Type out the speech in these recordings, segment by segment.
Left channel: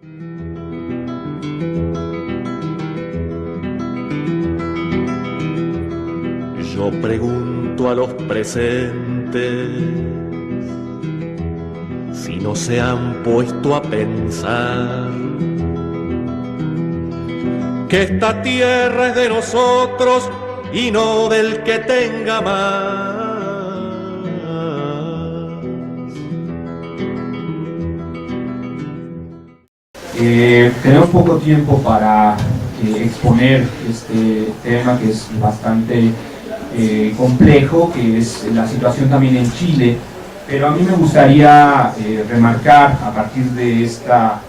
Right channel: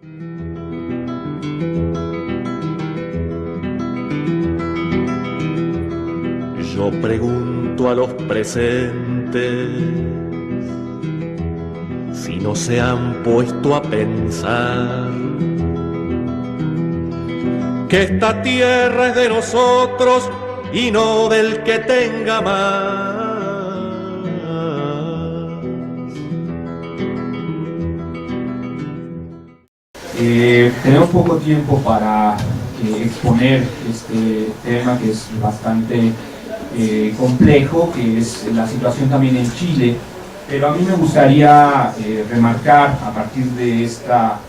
Yo pregunto a los presentes si no se han puesto a pensar que esta tierra es de nosotros y no del que tenga más. Tenemos poco tiempo para exponer este tema que es bastante complejo, que es la situación también en Chile, pero a mí me gustaría remarcar a partir de esta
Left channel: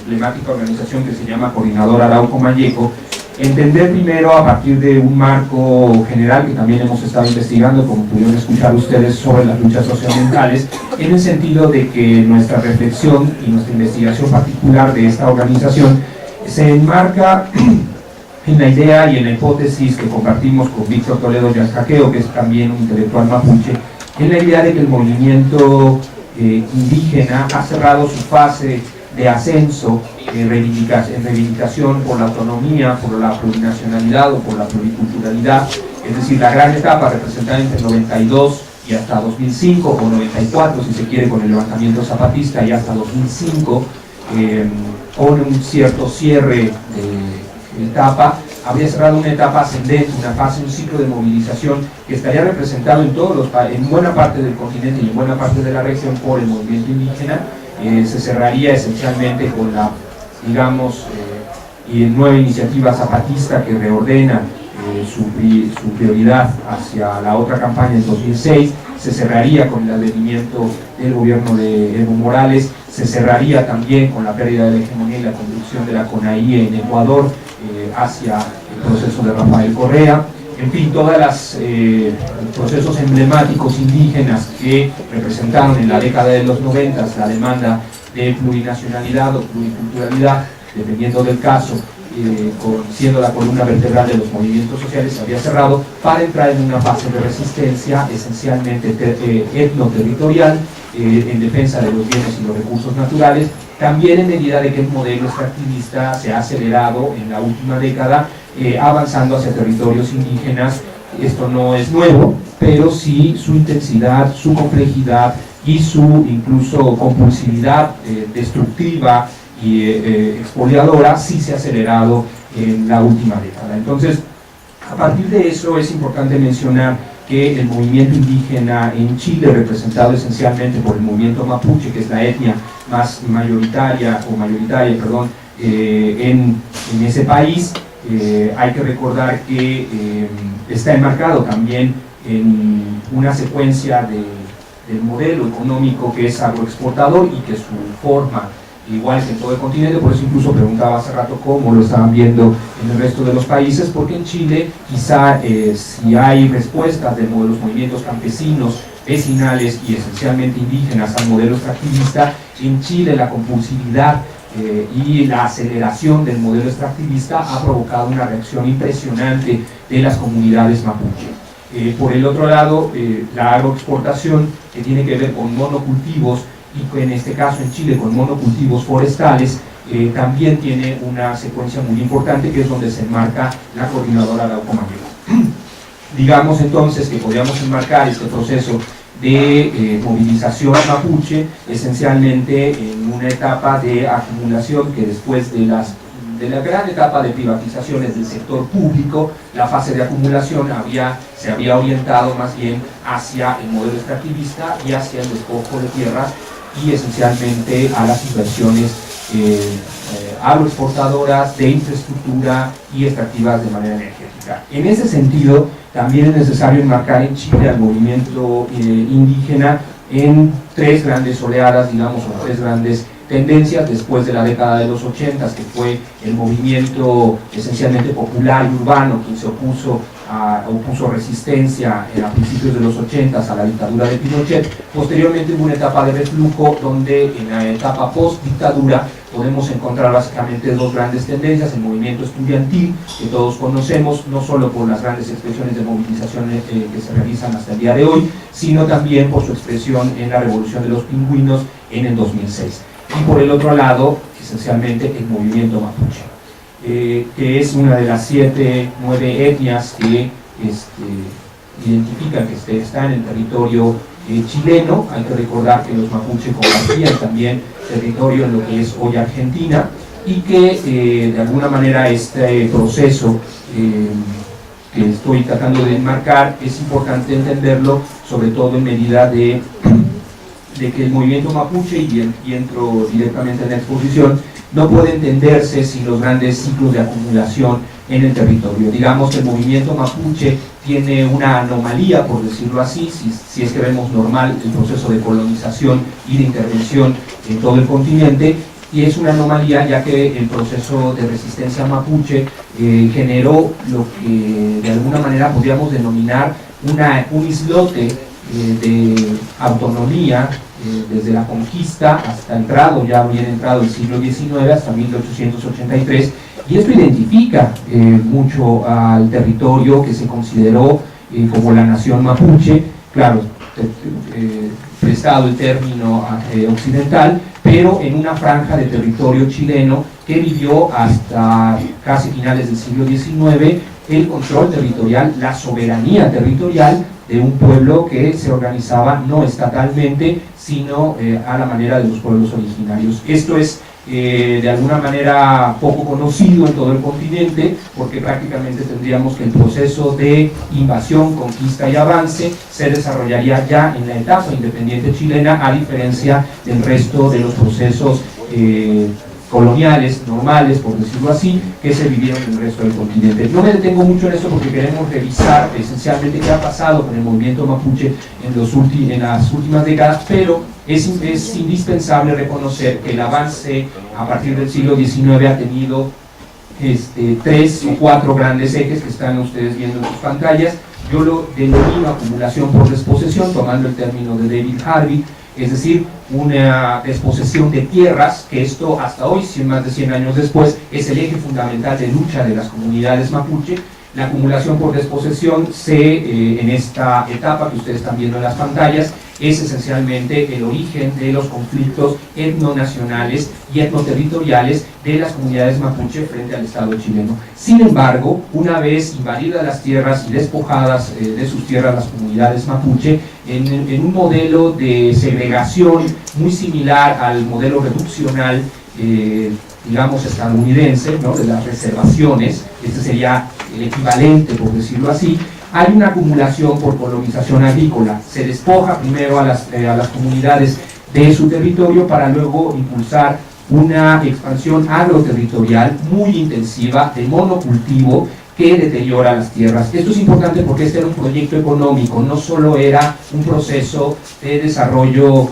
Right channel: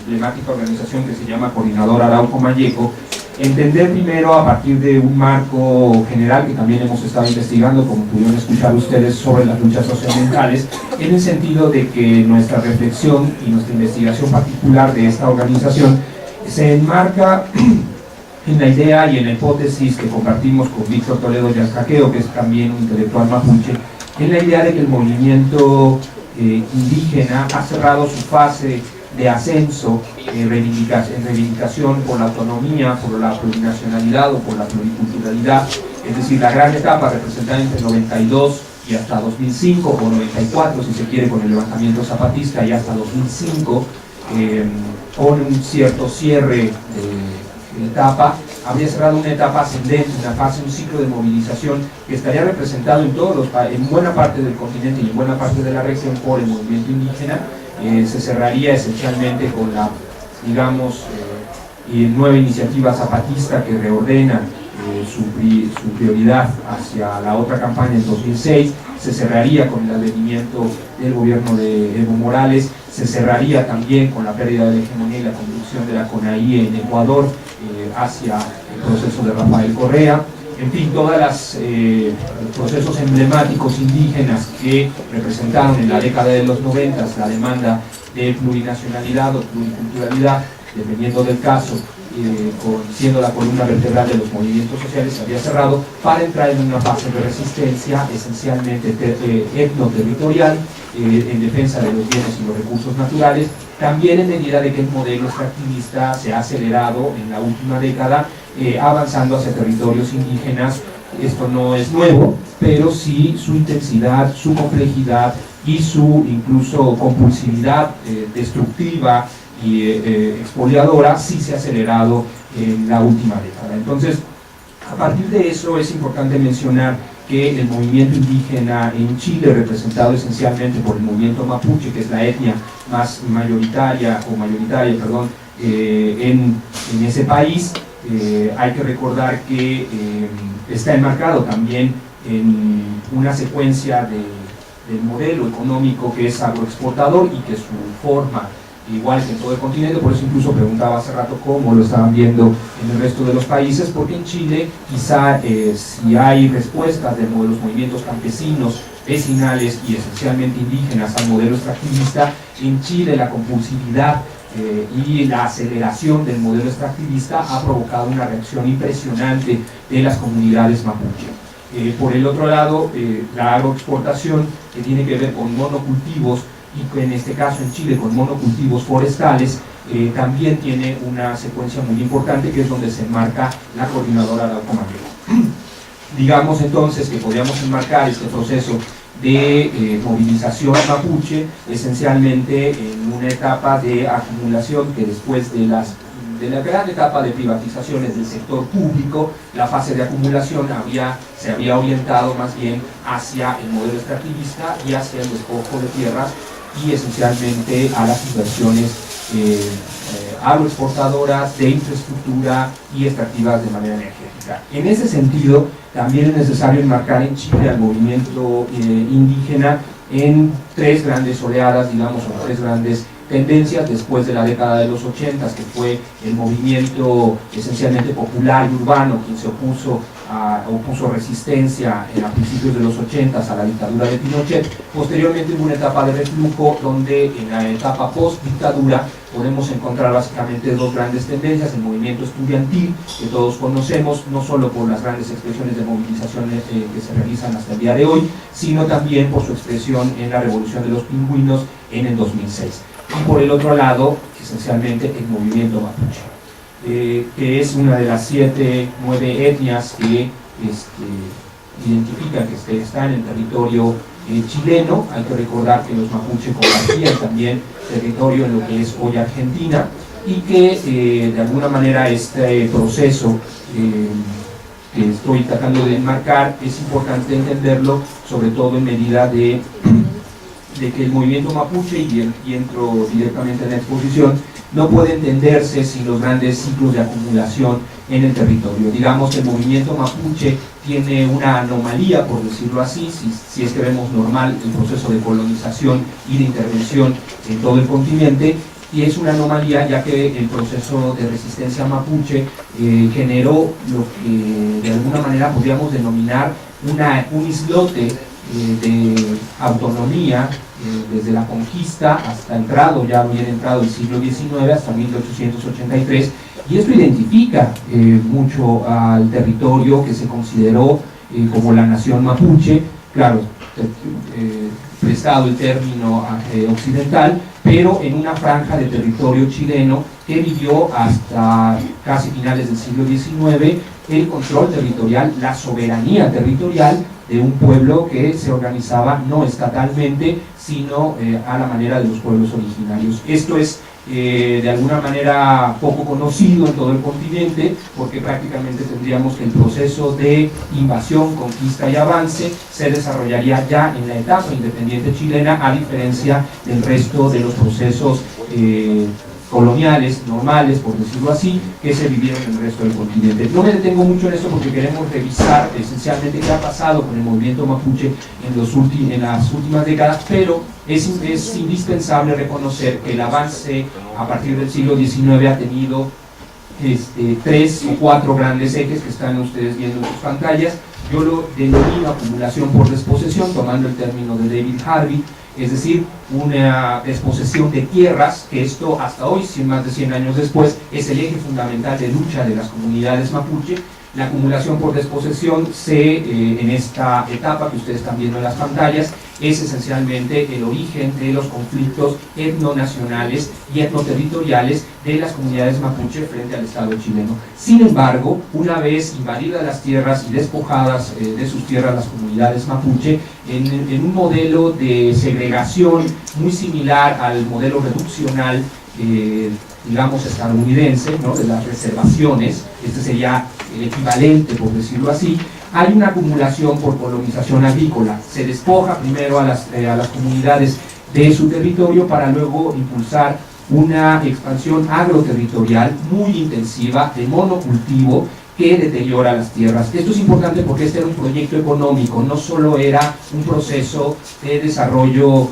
emblemática organización que se llama Coordinador Arauco Malleco, entender primero a partir de un marco general que también hemos estado investigando, como pudieron escuchar ustedes, sobre las luchas socioambientales, en el sentido de que nuestra reflexión y nuestra investigación particular de esta organización se enmarca en la idea y en la hipótesis que compartimos con Víctor Toledo Yascaqueo, que es también un intelectual mapuche, en la idea de que el movimiento indígena ha cerrado su fase de ascenso en reivindicación por la autonomía, por la plurinacionalidad o por la pluriculturalidad, es decir, la gran etapa representada entre el 92 y hasta 2005, o 94 si se quiere con el levantamiento zapatista, y hasta 2005 pone un cierto cierre de etapa, habría cerrado una etapa ascendente, una fase, un ciclo de movilización que estaría representado en buena parte del continente y en buena parte de la región por el movimiento indígena. Se cerraría esencialmente con la, digamos, nueva iniciativa zapatista que reordena su prioridad hacia la otra campaña en 2006, se cerraría con el advenimiento del gobierno de Evo Morales, se cerraría también con la pérdida de la hegemonía y la conducción de la CONAIE en Ecuador hacia el proceso de Rafael Correa. En fin, todos los procesos emblemáticos indígenas que representaron en la década de los 90 la demanda de plurinacionalidad o pluriculturalidad, dependiendo del caso, siendo la columna vertebral de los movimientos sociales, se había cerrado para entrar en una fase de resistencia esencialmente etnoterritorial, en defensa de los bienes y los recursos naturales, también en medida de que el modelo extractivista se ha acelerado en la última década, avanzando hacia territorios indígenas. Esto no es nuevo, pero sí su intensidad, su complejidad y su incluso compulsividad destructiva y expoliadora sí se ha acelerado en la última década. Entonces, a partir de eso es importante mencionar que el movimiento indígena en Chile, representado esencialmente por el movimiento mapuche, que es la etnia más mayoritaria en ese país, hay que recordar que está enmarcado también en una secuencia del modelo económico que es agroexportador y que su forma, igual que en todo el continente, por eso incluso preguntaba hace rato cómo lo estaban viendo en el resto de los países, porque en Chile quizá si hay respuestas de los movimientos campesinos, vecinales y esencialmente indígenas al modelo extractivista, en Chile la compulsividad y la aceleración del modelo extractivista ha provocado una reacción impresionante de las comunidades mapuche. Por el otro lado, la agroexportación, que tiene que ver con monocultivos, y en este caso en Chile con monocultivos forestales, también tiene una secuencia muy importante, que es donde se enmarca la Coordinadora Arauco Malleco. Digamos entonces que podríamos enmarcar este proceso de movilización mapuche esencialmente en una etapa de acumulación que después de la gran etapa de privatizaciones del sector público, la fase de acumulación se había orientado más bien hacia el modelo extractivista y hacia el despojo de tierras y esencialmente a las inversiones agroexportadoras de infraestructura y extractivas de manera energética. En ese sentido, también es necesario enmarcar en Chile al movimiento indígena en tres grandes oleadas, digamos, o tres grandes tendencias después de la década de los 80, que fue el movimiento esencialmente popular y urbano, quien se opuso resistencia a principios de los 80 a la dictadura de Pinochet. Posteriormente hubo una etapa de reflujo donde en la etapa post-dictadura podemos encontrar básicamente dos grandes tendencias: el movimiento estudiantil, que todos conocemos, no solo por las grandes expresiones de movilización que se realizan hasta el día de hoy, sino también por su expresión en la Revolución de los Pingüinos en el 2006. y por el otro lado, esencialmente, el movimiento mapuche, que es una de las 9 etnias que identifican que está en el territorio chileno. Hay que recordar que los mapuches compartían también territorio en lo que es hoy Argentina, y que de alguna manera este proceso que estoy tratando de enmarcar es importante entenderlo, sobre todo en medida de que el movimiento mapuche, y entro directamente en la exposición, no puede entenderse sin los grandes ciclos de acumulación en el territorio. Digamos que el movimiento mapuche tiene una anomalía, por decirlo así, si es que vemos normal el proceso de colonización y de intervención en todo el continente, y es una anomalía ya que el proceso de resistencia mapuche generó lo que de alguna manera podríamos denominar un islote de autonomía desde la conquista hasta ya bien entrado el siglo XIX, hasta 1883, y esto identifica mucho al territorio que se consideró como la nación mapuche, claro, prestado el término occidental, pero en una franja de territorio chileno que vivió hasta casi finales del siglo XIX el control territorial, la soberanía territorial de un pueblo que se organizaba no estatalmente, sino a la manera de los pueblos originarios. Esto es de alguna manera poco conocido en todo el continente, porque prácticamente tendríamos que el proceso de invasión, conquista y avance se desarrollaría ya en la etapa independiente chilena, a diferencia del resto de los procesos coloniales, normales, por decirlo así, que se vivieron en el resto del continente. No me detengo mucho en esto porque queremos revisar esencialmente qué ha pasado con el movimiento mapuche en las últimas décadas, pero es indispensable reconocer que el avance a partir del siglo XIX ha tenido 3 o 4 grandes ejes que están ustedes viendo en sus pantallas. Yo lo denomino acumulación por desposesión, tomando el término de David Harvey, es decir, una desposesión de tierras, que esto hasta hoy, más de 100 años después, es el eje fundamental de lucha de las comunidades mapuche. La acumulación por desposesión en esta etapa que ustedes están viendo en las pantallas, es esencialmente el origen de los conflictos etnonacionales y etnoterritoriales de las comunidades mapuche frente al Estado chileno. Sin embargo, una vez invadidas las tierras y despojadas de sus tierras las comunidades mapuche, en un modelo de segregación muy similar al modelo reduccional digamos estadounidense, ¿no?, de las reservaciones, este sería el equivalente, por decirlo así, hay una acumulación por colonización agrícola. Se despoja primero a las comunidades de su territorio para luego impulsar una expansión agroterritorial muy intensiva de monocultivo que deteriora las tierras. Esto es importante porque este era un proyecto económico, no solo era un proceso de desarrollo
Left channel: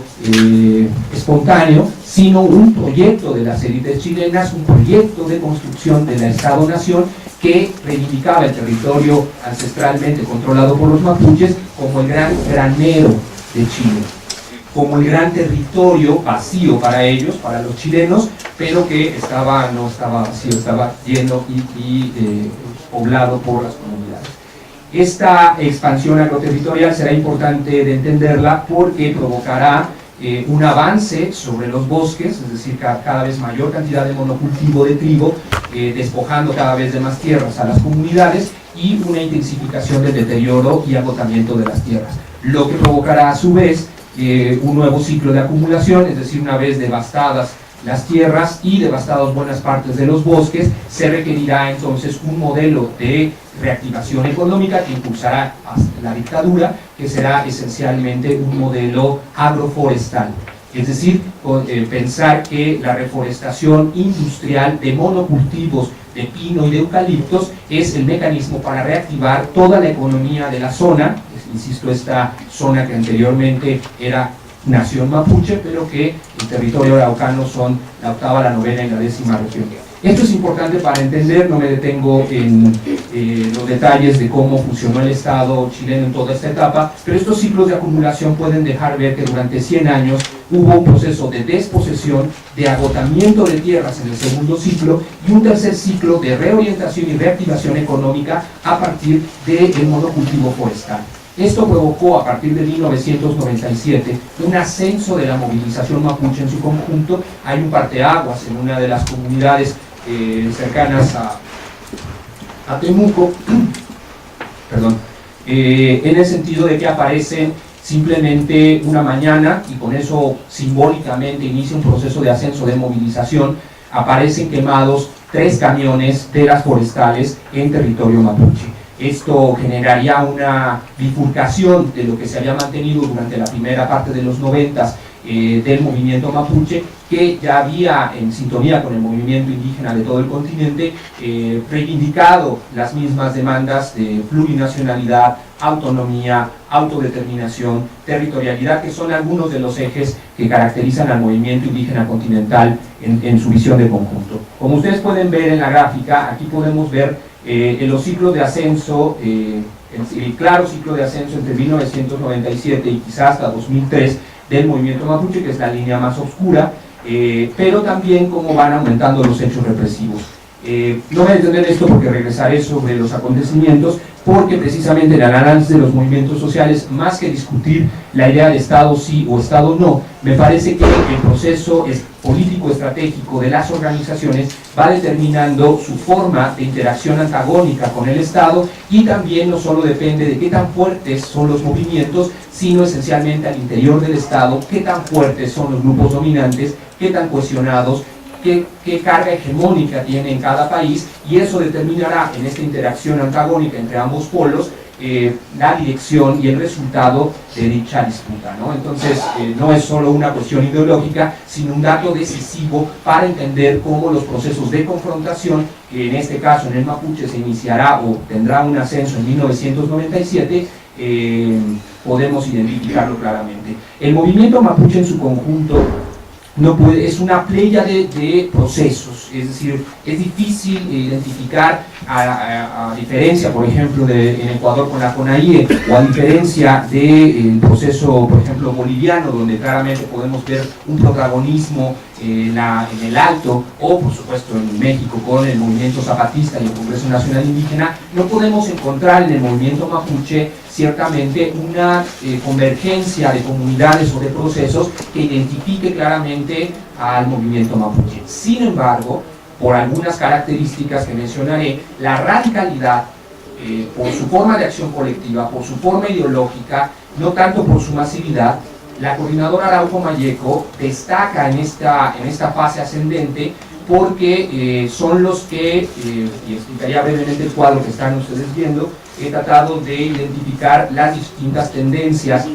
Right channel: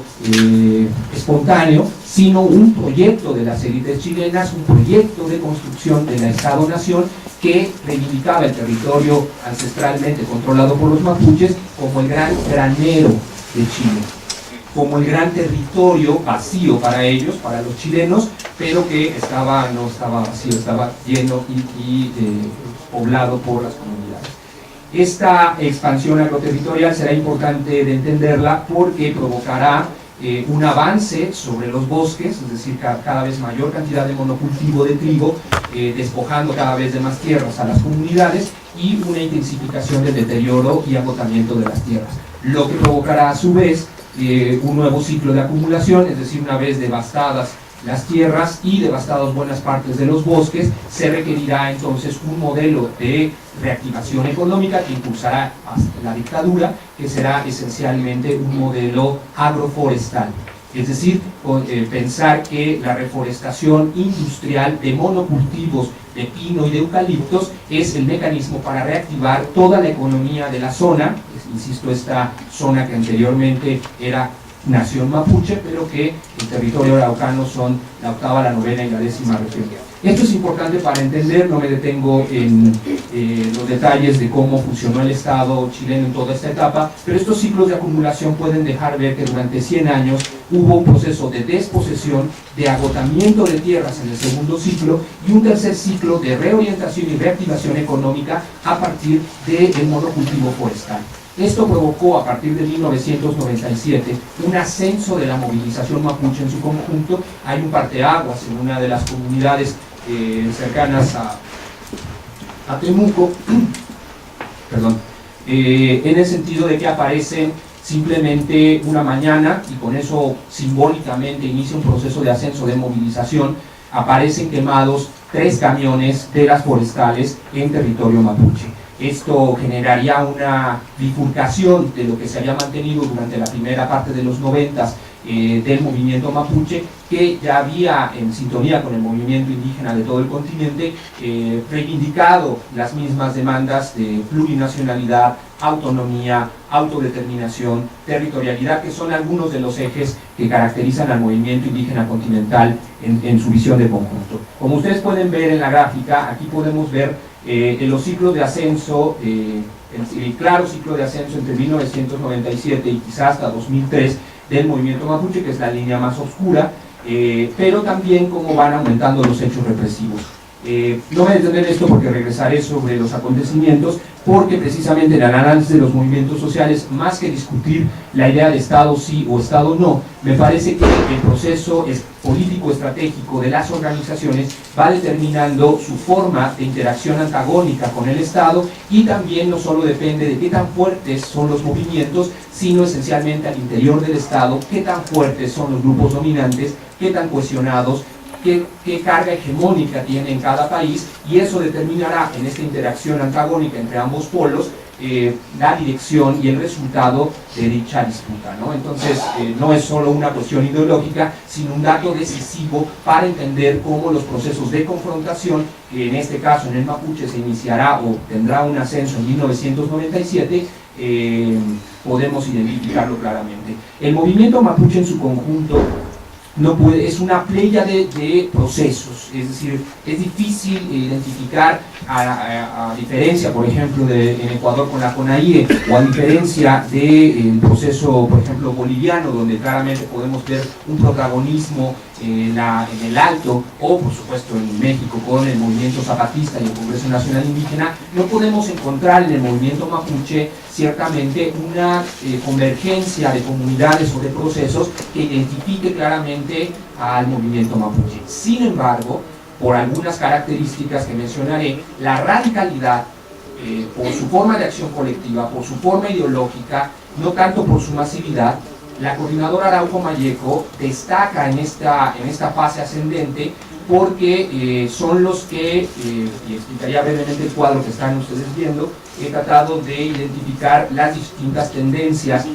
espontáneo, sino un proyecto de las élites chilenas, un proyecto de construcción de la Estado-Nación que reivindicaba el territorio ancestralmente controlado por los mapuches como el gran granero de Chile, como el gran territorio vacío para ellos, para los chilenos, pero que no estaba vacío, estaba lleno y poblado por las comunidades. Esta expansión agroterritorial será importante de entenderla porque provocará un avance sobre los bosques, es decir, cada vez mayor cantidad de monocultivo de trigo, despojando cada vez de más tierras a las comunidades, y una intensificación del deterioro y agotamiento de las tierras, lo que provocará a su vez un nuevo ciclo de acumulación, es decir, una vez devastadas las tierras y devastados buenas partes de los bosques, se requerirá entonces un modelo de reactivación económica que impulsará la dictadura, que será esencialmente un modelo agroforestal. Es decir, pensar que la reforestación industrial de monocultivos de pino y de eucaliptos es el mecanismo para reactivar toda la economía de la zona, insisto, esta zona que anteriormente era nación mapuche, pero que el territorio araucano son la 8ª, la 9ª y la 10ª región. Esto es importante para entender, no me detengo en los detalles de cómo funcionó el Estado chileno en toda esta etapa, pero estos ciclos de acumulación pueden dejar ver que durante 100 años hubo un proceso de desposesión, de agotamiento de tierras en el segundo ciclo, y un tercer ciclo de reorientación y reactivación económica a partir del monocultivo forestal. Esto provocó a partir de 1997 un ascenso de la movilización mapuche en su conjunto. Hay un parteaguas en una de las comunidades cercanas a Temuco, perdón, en el sentido de que aparecen simplemente una mañana, y con eso simbólicamente inicia un proceso de ascenso de movilización, aparecen quemados 3 camiones de las forestales en territorio mapuche. Esto generaría una bifurcación de lo que se había mantenido durante la primera parte de los 90 del movimiento mapuche, que ya había, en sintonía con el movimiento indígena de todo el continente, reivindicado las mismas demandas de plurinacionalidad, autonomía, autodeterminación, territorialidad, que son algunos de los ejes que caracterizan al movimiento indígena continental en su visión de conjunto. Como ustedes pueden ver en la gráfica, aquí podemos ver los ciclos de ascenso, el claro ciclo de ascenso entre 1997 y quizás hasta 2003 del movimiento mapuche, que es la línea más oscura, pero también cómo van aumentando los hechos represivos. No voy a detener esto porque regresaré sobre los acontecimientos, porque precisamente el análisis de los movimientos sociales, más que discutir la idea de Estado sí o Estado no, me parece que el proceso político estratégico de las organizaciones va determinando su forma de interacción antagónica con el Estado, y también no solo depende de qué tan fuertes son los movimientos, sino esencialmente al interior del Estado, qué tan fuertes son los grupos dominantes, qué tan cohesionados, qué carga hegemónica tiene en cada país, y eso determinará en esta interacción antagónica entre ambos polos la dirección y el resultado de dicha disputa, ¿no? Entonces, no es solo una cuestión ideológica, sino un dato decisivo para entender cómo los procesos de confrontación, que en este caso en el mapuche se iniciará o tendrá un ascenso en 1997, podemos identificarlo claramente. El movimiento mapuche en su conjunto no puede, es una pléyade de procesos, es decir, es difícil identificar, a diferencia, por ejemplo, en Ecuador con la CONAIE, o a diferencia del proceso, por ejemplo, boliviano, donde claramente podemos ver un protagonismo en el Alto, o por supuesto en México con el movimiento zapatista y el Congreso Nacional Indígena. No podemos encontrar en el movimiento mapuche ciertamente una convergencia de comunidades o de procesos que identifique claramente al movimiento mapuche. Sin embargo, por algunas características que mencionaré, la radicalidad, por su forma de acción colectiva, por su forma ideológica, no tanto por su masividad, la coordinadora Arauco Malleco destaca en esta fase ascendente, porque son los que, y explicaría brevemente el cuadro que están ustedes viendo, he tratado de identificar las distintas tendencias,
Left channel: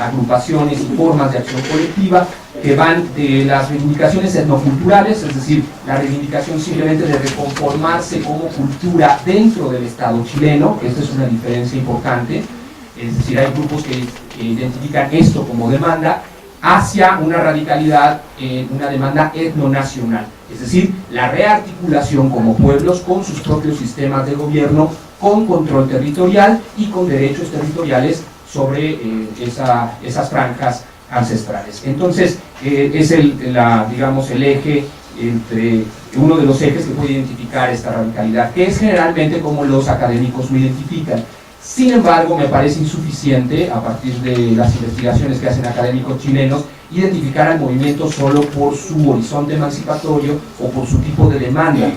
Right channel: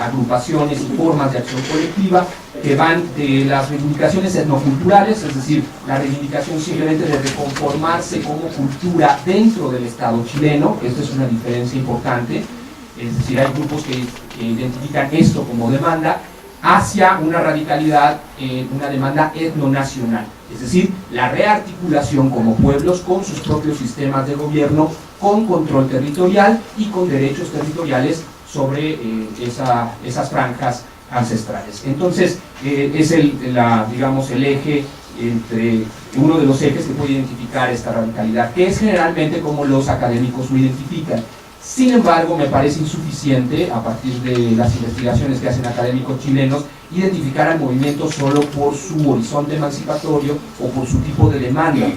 agrupaciones y formas de acción colectiva que van de las reivindicaciones etnoculturales, es decir, la reivindicación simplemente de reconformarse como cultura dentro del Estado chileno, que esta es una diferencia importante, es decir, hay grupos que identifican esto como demanda, hacia una radicalidad, una demanda etnonacional, es decir, la rearticulación como pueblos con sus propios sistemas de gobierno, con control territorial y con derechos territoriales sobre esas franjas ancestrales. Entonces, es digamos, el eje, uno de los ejes que puede identificar esta radicalidad, que es generalmente como los académicos lo identifican. Sin embargo, me parece insuficiente, a partir de las investigaciones que hacen académicos chilenos, identificar al movimiento solo por su horizonte emancipatorio o por su tipo de demanda.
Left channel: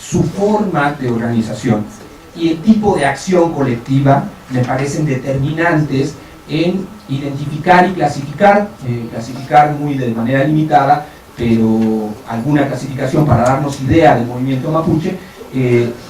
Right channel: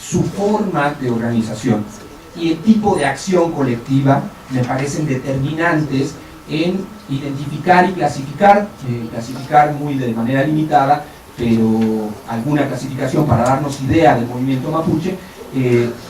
Su forma de organización y el tipo de acción colectiva me parecen determinantes en identificar y clasificar, muy de manera limitada, pero alguna clasificación para darnos idea del movimiento mapuche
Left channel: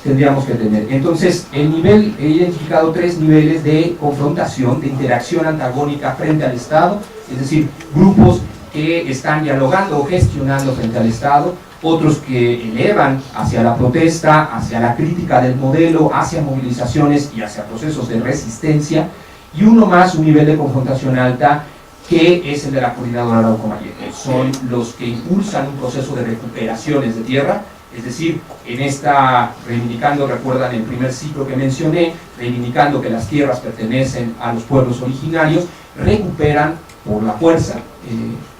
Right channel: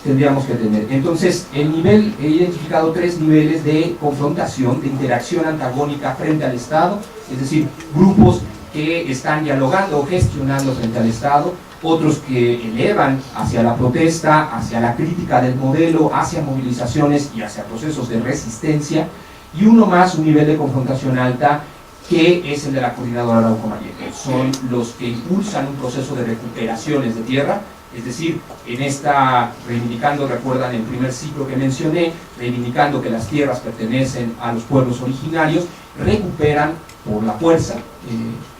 tendríamos que tener. Entonces, he identificado 3 niveles de confrontación, de interacción antagónica frente al Estado, es decir, grupos que están dialogando o gestionando frente al Estado, otros que elevan hacia la protesta, hacia la crítica del modelo, hacia movilizaciones y hacia procesos de resistencia, y uno más, un nivel de confrontación alta, que es el de la coordinadora Arauco Malleco. Son los que impulsan un proceso de recuperaciones de tierra, es decir, reivindicando, recuerdan el primer ciclo que mencioné, reivindicando que las tierras pertenecen a los pueblos originarios, recuperan por la fuerza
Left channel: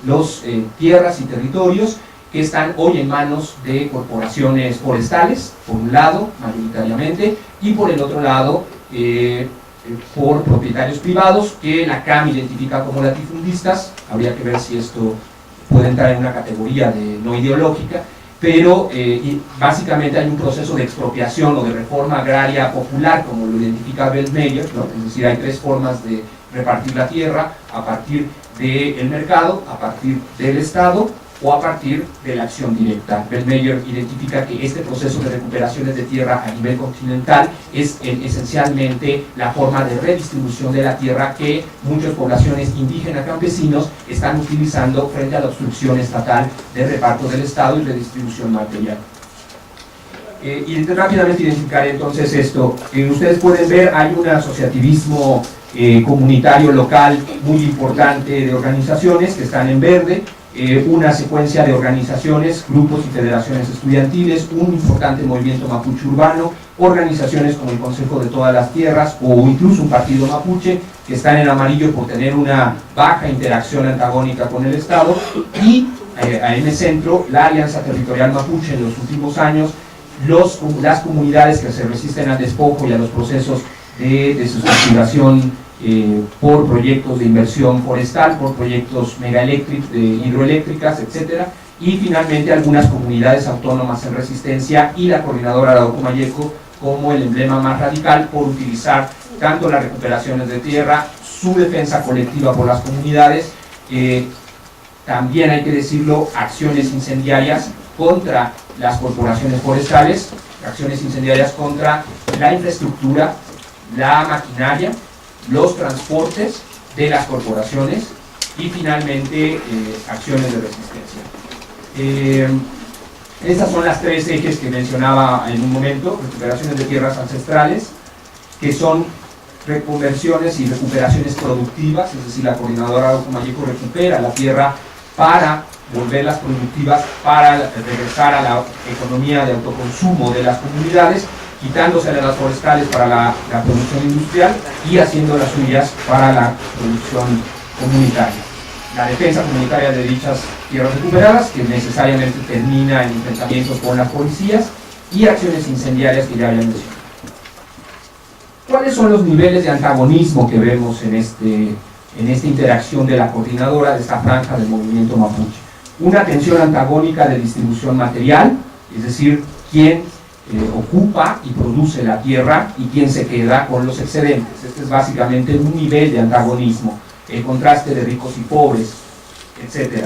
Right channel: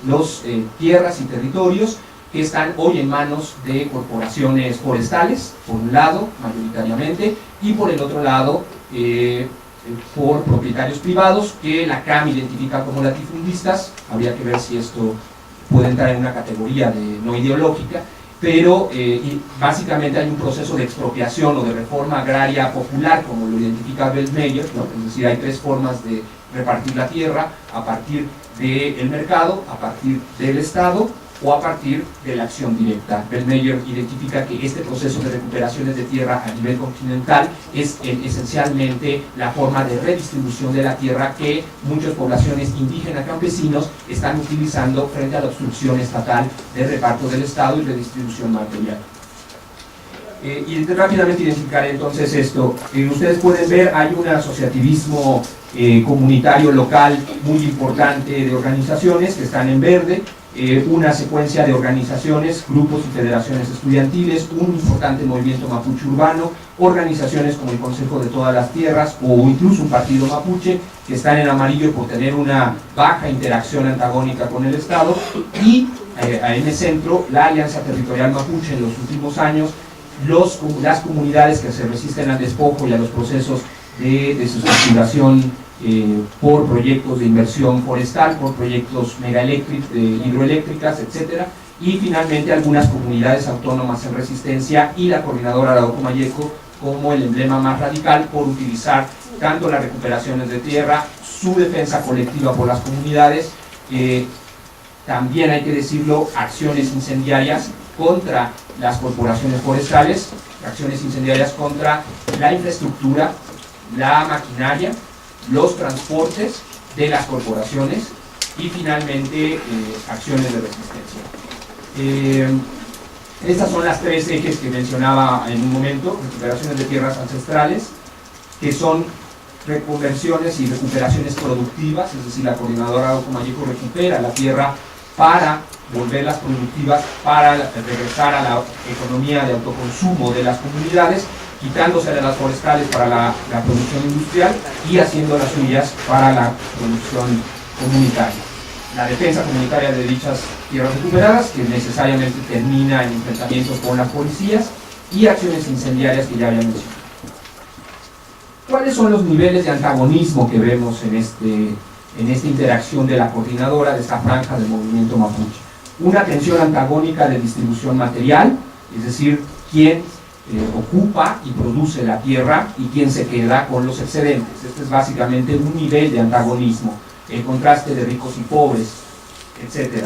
los tierras y territorios que están hoy en manos de corporaciones forestales, por un lado, mayoritariamente, y por el otro lado, por propietarios privados que la CAM identifica como latifundistas. Habría que ver si esto puede entrar en una categoría de no ideológica, pero básicamente hay un proceso de expropiación o de reforma agraria popular, como lo identifica Weltmeier, ¿no? Es decir, hay tres formas de repartir la tierra: a partir del mercado, a partir del Estado o a partir de la acción directa. Weltmeier identifica que este proceso de recuperaciones de tierra a nivel continental es esencialmente la forma de redistribución de la tierra que muchas poblaciones indígenas campesinos están utilizando frente a la obstrucción estatal de reparto del Estado y redistribución material. Y rápidamente identificar entonces esto. Ustedes pueden ver, hay un asociativismo comunitario local muy importante de organizaciones que están en verde, una secuencia de organizaciones, grupos y federaciones estudiantiles, un importante movimiento mapuche urbano, organizaciones como el Consejo de Todas las Tierras o incluso un partido mapuche que están en amarillo por tener una baja interacción antagónica con el Estado, y en el centro la Alianza Territorial Mapuche en los últimos años, las comunidades que se resisten al despojo y a los procesos de desestructuración por proyectos de inversión forestal, por proyectos hidroeléctricas, etc. Y finalmente algunas comunidades autónomas en resistencia y la Coordinadora Arauco Mayeco como el emblema más radical por utilizar tanto las recuperaciones de tierra, su defensa colectiva por las comunidades, también hay que decirlo, acciones incendiarias contra las corporaciones forestales, acciones incendiarias contra la infraestructura, la maquinaria, los transportes de las corporaciones y finalmente acciones de resistencia. Estas son las tres ejes que mencionaba en un momento: recuperaciones de tierras ancestrales, que son reconversiones y recuperaciones productivas, es decir, la Coordinadora Arauco Mayeco recupera la tierra para volverlas productivas, para regresar a la economía de autoconsumo de las comunidades, quitándose de las forestales para la producción industrial y haciendo las suyas para la producción comunitaria. La defensa comunitaria de dichas tierras recuperadas, que necesariamente termina en enfrentamientos con las policías, y acciones incendiarias que ya había mencionado. ¿Cuáles son los niveles de antagonismo que vemos en esta interacción de la coordinadora de esta franja del movimiento mapuche? Una tensión antagónica de distribución material, es decir, quién ocupa y produce la tierra y quién se queda con los excedentes. Este es básicamente un nivel de antagonismo, el contraste de ricos y pobres, etc.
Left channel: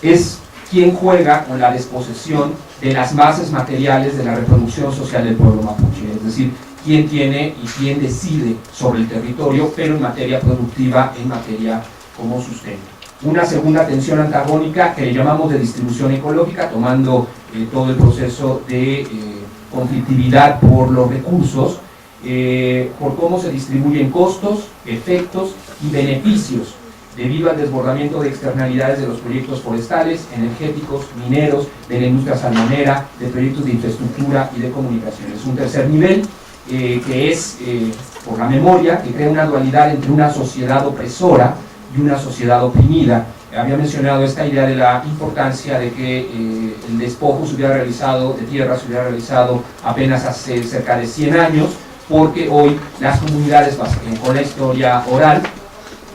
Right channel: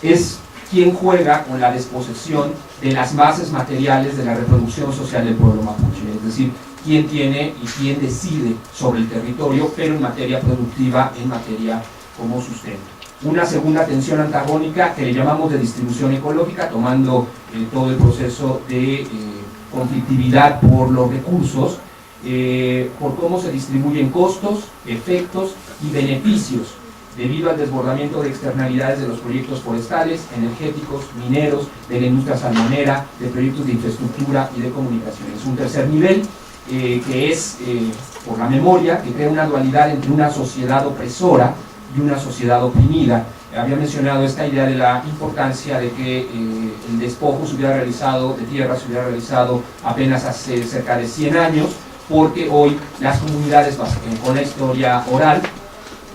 Es quien juega con la desposesión de las bases materiales de la reproducción social del pueblo mapuche, es decir, quién tiene y quién decide sobre el territorio, pero en materia productiva, en materia como sustento. Una segunda tensión antagónica que le llamamos de distribución ecológica, tomando todo el proceso de conflictividad por los recursos, por cómo se distribuyen costos, efectos y beneficios debido al desbordamiento de externalidades de los proyectos forestales, energéticos, mineros, de la industria salmonera, de proyectos de infraestructura y de comunicaciones. Un tercer nivel que es por la memoria, que crea una dualidad entre una sociedad opresora y una sociedad oprimida. Había mencionado esta idea de la importancia de que el despojo de tierra se hubiera realizado apenas hace cerca de 100 años, porque hoy las comunidades, con la historia oral,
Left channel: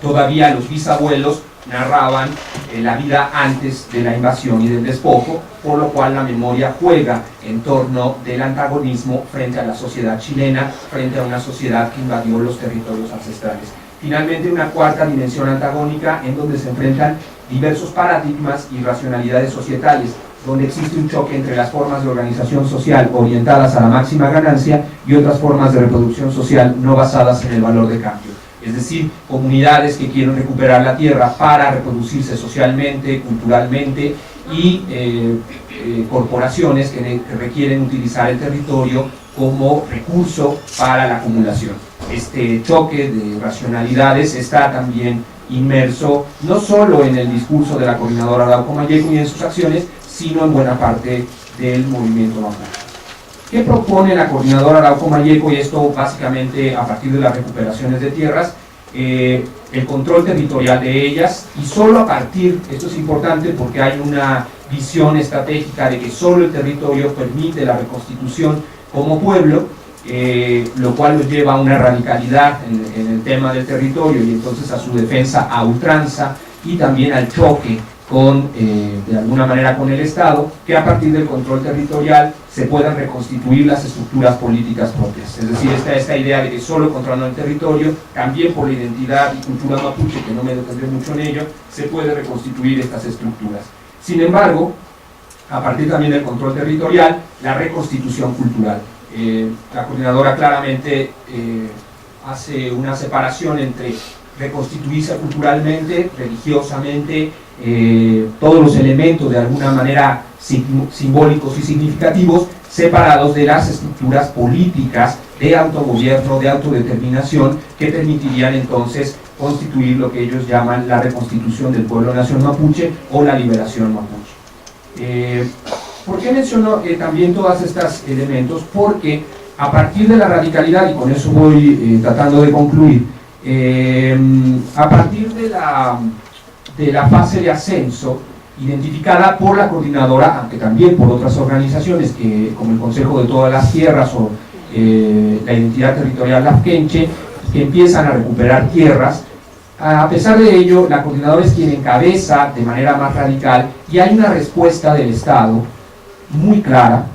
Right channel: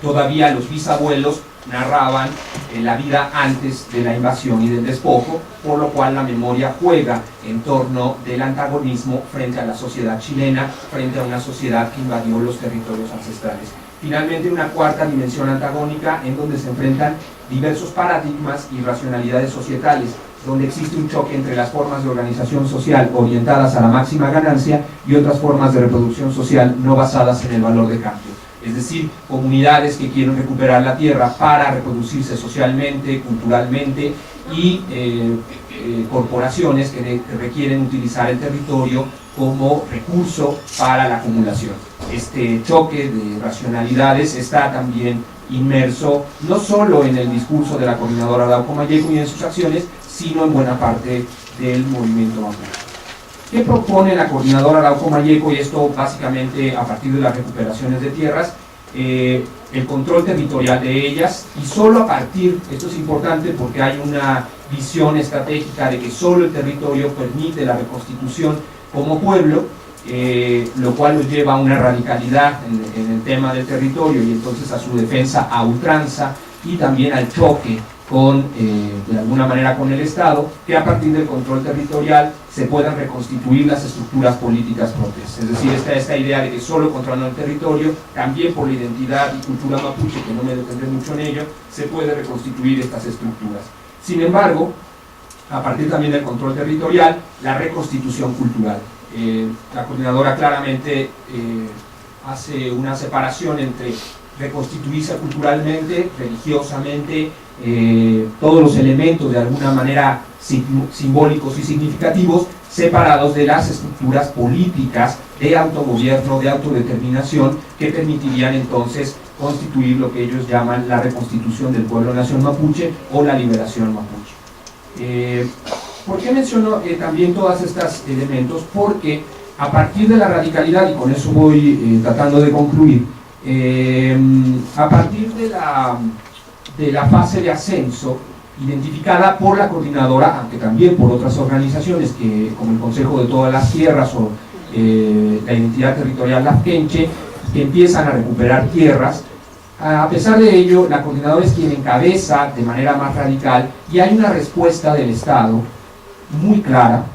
todavía los bisabuelos narraban la vida antes de la invasión y del despojo, por lo cual la memoria juega en torno del antagonismo frente a la sociedad chilena, frente a una sociedad que invadió los territorios ancestrales. Finalmente, una cuarta dimensión antagónica en donde se enfrentan diversos paradigmas y racionalidades societales, donde existe un choque entre las formas de organización social orientadas a la máxima ganancia y otras formas de reproducción social no basadas en el valor de cambio. Es decir, comunidades que quieren recuperar la tierra para reproducirse socialmente, culturalmente, y corporaciones que requieren utilizar el territorio como recurso para la acumulación. Este choque de racionalidades está también inmerso no solo en el discurso de la Coordinadora Arauco Mayeco y en sus acciones, sino en buena parte del movimiento mapuche. ¿Qué propone la Coordinadora Arauco Mayeco? Y esto básicamente a partir de las recuperaciones de tierras, el control territorial de ellas, y solo a partir, esto es importante porque hay una visión estratégica de que solo el territorio permite la reconstitución como pueblo, lo cual nos lleva a una radicalidad en el tema del territorio y entonces a su defensa a ultranza y también al choque de alguna manera con el Estado, que a partir del control territorial se puedan reconstituir las estructuras políticas propias. Es decir, esta idea de que solo controlando el territorio, también por la identidad y cultura mapuche, que no me detendré mucho en ello, se puede reconstituir estas estructuras. Sin embargo, a partir también del control territorial, la reconstitución cultural. La coordinadora claramente hace una separación entre reconstituirse culturalmente, religiosamente, todos los elementos de alguna manera simbólicos y significativos, separados de las estructuras políticas de autogobierno, de autodeterminación, que permitirían entonces constituir lo que ellos llaman la reconstitución del pueblo-nación mapuche o la liberación mapuche. ¿Por qué menciono también todos estos elementos? Porque a partir de la radicalidad, y con eso voy tratando de concluir, a partir de la fase de ascenso identificada por la coordinadora, aunque también por otras organizaciones como el Consejo de Todas las Tierras o la Identidad Territorial Lafkenche, que empiezan a recuperar tierras, a pesar de ello, la coordinadora es quien encabeza de manera más radical y hay una respuesta del Estado muy clara,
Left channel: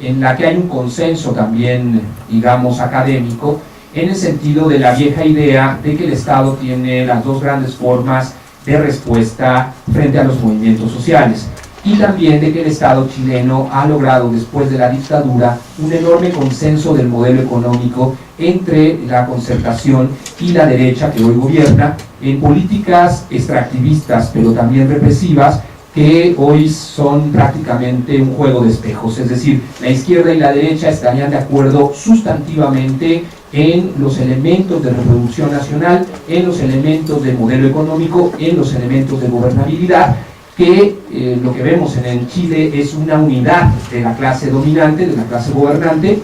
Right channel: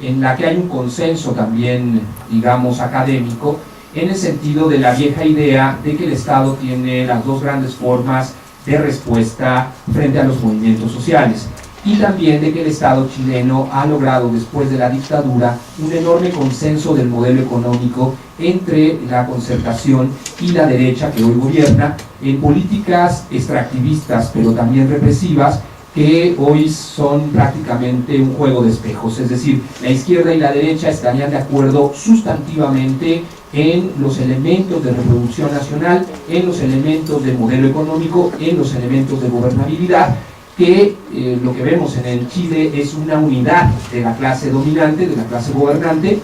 en la que hay un consenso también, digamos, académico, en el sentido de la vieja idea de que el Estado tiene las dos grandes formas de respuesta frente a los movimientos sociales, y también de que el Estado chileno ha logrado después de la dictadura un enorme consenso del modelo económico entre la concertación y la derecha que hoy gobierna en políticas extractivistas pero también represivas, que hoy son prácticamente un juego de espejos. Es decir, la izquierda y la derecha estarían de acuerdo sustantivamente en los elementos de reproducción nacional, en los elementos de modelo económico, en los elementos de gobernabilidad, que lo que vemos en Chile es una unidad de la clase dominante, de la clase gobernante,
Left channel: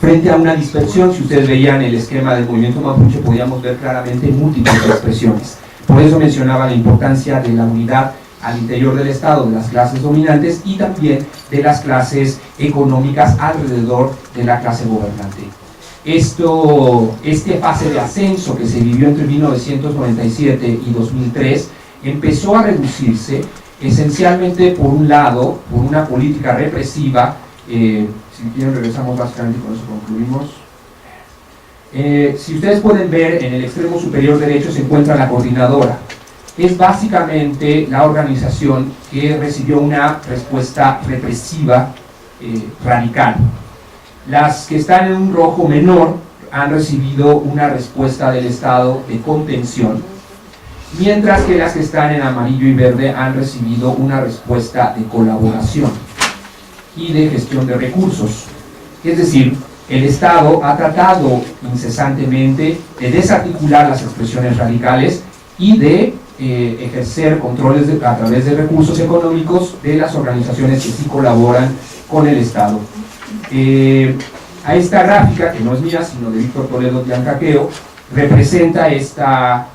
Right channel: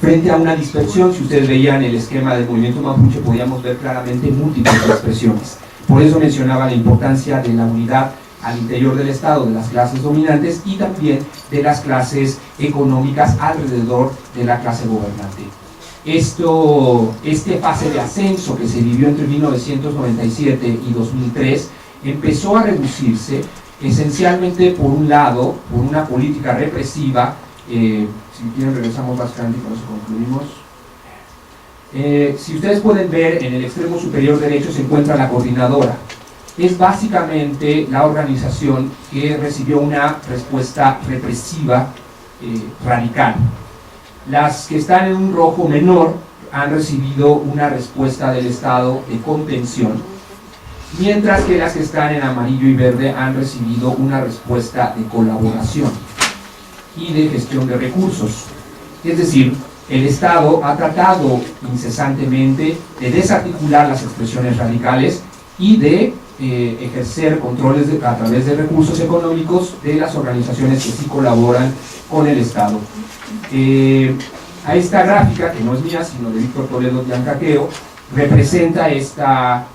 frente a una dispersión. Si ustedes veían el esquema del movimiento mapuche, podíamos ver claramente múltiples expresiones. Por eso mencionaba la importancia de la unidad al interior del Estado, de las clases dominantes y también de las clases económicas alrededor de la clase gobernante. Este fase de ascenso que se vivió entre 1997 y 2003 empezó a reducirse esencialmente, por un lado, por una política represiva. Si quieren regresamos bastante y con eso concluimos. Si ustedes pueden ver, en el extremo superior derecho se encuentra la coordinadora. Es básicamente la organización que recibió una respuesta represiva radical. Las que están en un rojo menor han recibido una respuesta del Estado de contención, mientras que las que están en amarillo y verde han recibido una respuesta de colaboración y de gestión de recursos. Es decir, el Estado ha tratado incesantemente de desarticular las expresiones radicales y de ejercer controles a través de recursos económicos de las organizaciones que sí colaboran con el Estado. A esta gráfica, que no es mía, sino de Víctor Toledo Giancaqueo, representa esta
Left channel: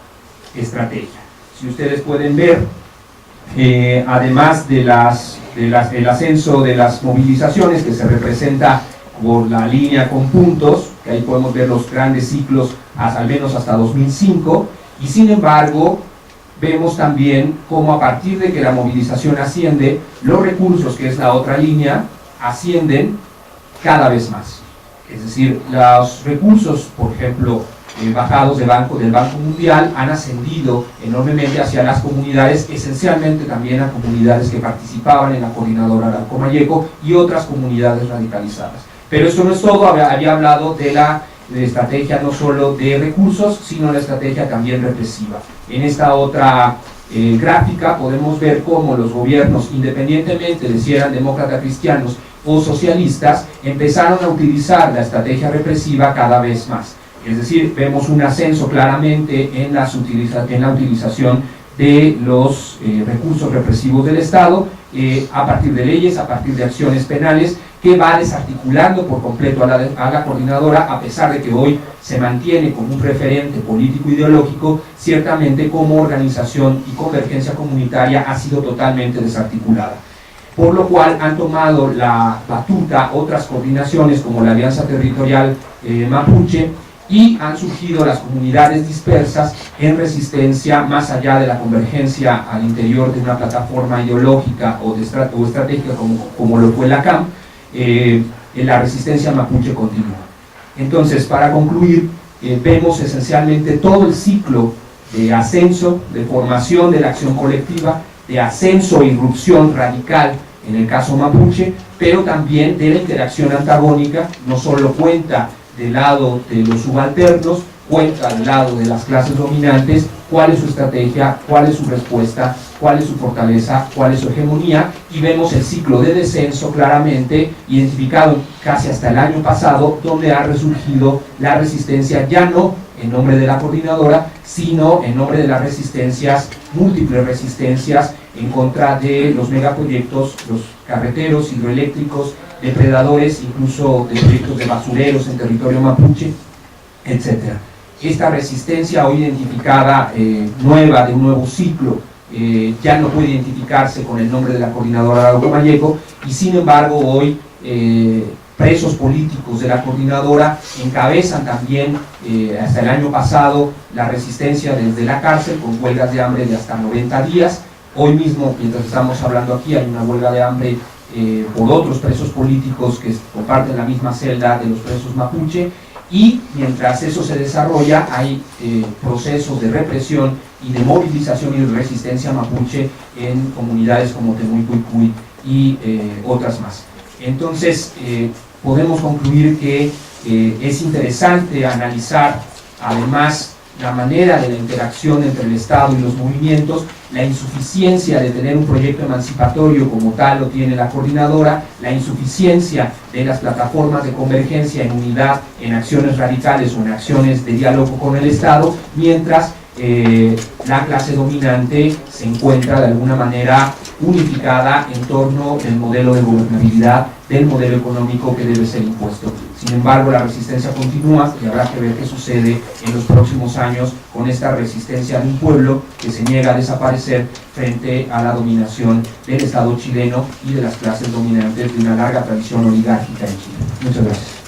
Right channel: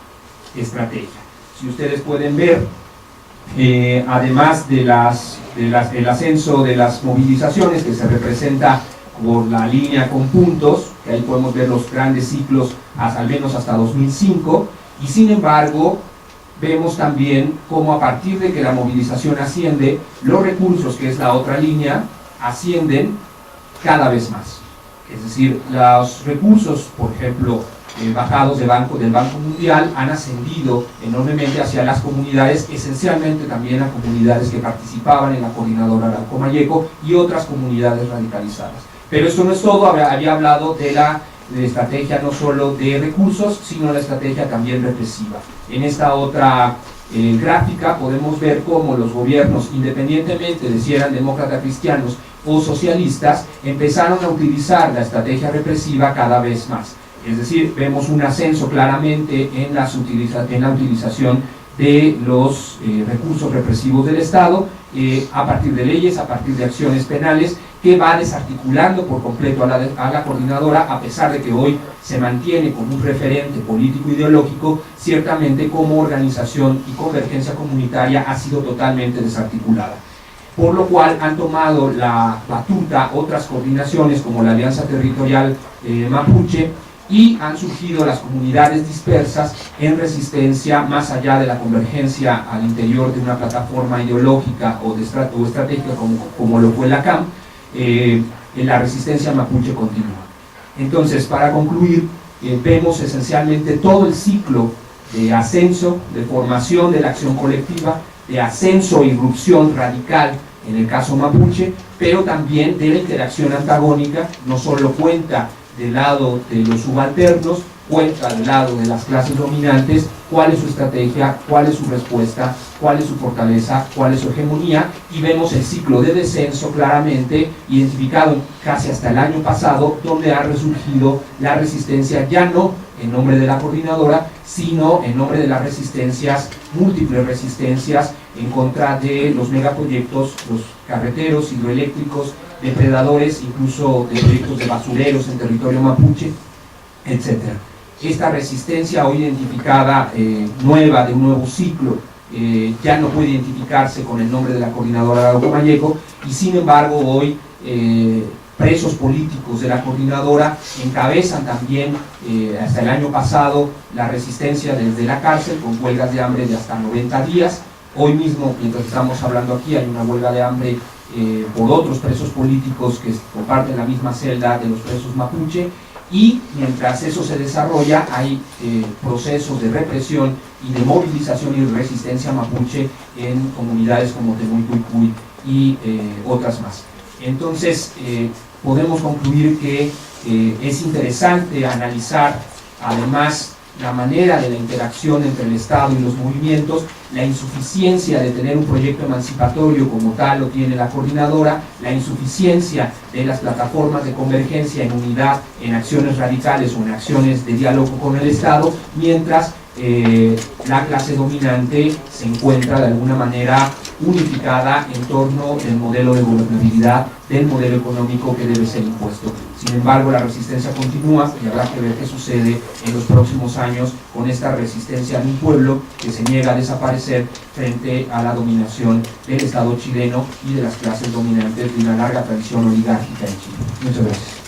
estrategia. Si ustedes pueden ver, además del ascenso de las movilizaciones, que se representa por la línea con puntos, que ahí podemos ver los grandes ciclos al menos hasta 2005, y sin embargo vemos también cómo a partir de que la movilización asciende, los recursos, que es la otra línea, ascienden cada vez más. Es decir, los recursos, por ejemplo, bajados del Banco Mundial, han ascendido enormemente hacia las comunidades, esencialmente también a comunidades que participaban en la coordinadora Arauco-Mayeco y otras comunidades radicalizadas. Pero eso no es todo. Había hablado de la estrategia no solo de recursos, sino la estrategia también represiva. En esta otra gráfica podemos ver cómo los gobiernos, independientemente de si eran demócratas cristianos o socialistas, empezaron a utilizar la estrategia represiva cada vez más. Es decir, vemos un ascenso claramente en la utilización de los recursos represivos del Estado, a partir de leyes, a partir de acciones penales, que va desarticulando por completo a la coordinadora, a pesar de que hoy se mantiene como un referente político-ideológico. Ciertamente como organización y convergencia comunitaria ha sido totalmente desarticulada. por lo cual han tomado la batuta otras coordinaciones como la Alianza Territorial Mapuche, y han surgido las comunidades dispersas en resistencia más allá de la convergencia al interior de una plataforma ideológica o estratégica como lo fue la CAM. La resistencia mapuche continúa. Entonces, para concluir, vemos esencialmente todo el ciclo de ascenso, de formación de la acción colectiva, de ascenso e irrupción radical en el caso mapuche, pero también de la interacción antagónica. No solo cuenta del lado de los subalternos, cuenta del lado de las clases dominantes, cuál es su estrategia, cuál es su respuesta, cuál es su fortaleza, cuál es su hegemonía, y vemos el ciclo de descenso claramente identificado casi hasta el año pasado, donde ha resurgido la resistencia, ya no en nombre de la coordinadora, sino en nombre de las resistencias, múltiples resistencias en contra de los megaproyectos, los carreteros, hidroeléctricos, depredadores, incluso de proyectos de basureros en territorio mapuche, etc. Esta resistencia hoy identificada, nueva, de un nuevo ciclo, ya no puede identificarse con el nombre de la coordinadora Arauco Mayeco, y sin embargo hoy presos políticos de la coordinadora encabezan también, hasta el año pasado, la resistencia desde la cárcel, con huelgas de hambre de hasta 90 días. Hoy mismo, mientras estamos hablando aquí, hay una huelga de hambre por otros presos políticos que comparten la misma celda de los presos mapuche, y mientras eso se desarrolla hay procesos de represión y de movilización y de resistencia mapuche en comunidades como Temuicuicui y otras más. Entonces podemos concluir que es interesante analizar además la manera de la interacción entre el Estado y los movimientos, la insuficiencia de tener un proyecto emancipatorio como tal lo tiene la coordinadora, la insuficiencia de las plataformas de convergencia en unidad, en acciones radicales o en acciones de diálogo con el Estado, mientras la clase dominante se encuentra de alguna manera unificada en torno del modelo de gobernabilidad, del modelo económico que debe ser impuesto. Sin embargo, la resistencia continúa y habrá que ver qué sucede en los próximos años con esta resistencia de un pueblo que se niega a desaparecer frente a la dominación del Estado chileno y de las clases dominantes de una larga tradición oligárquica en Chile. Muchas gracias.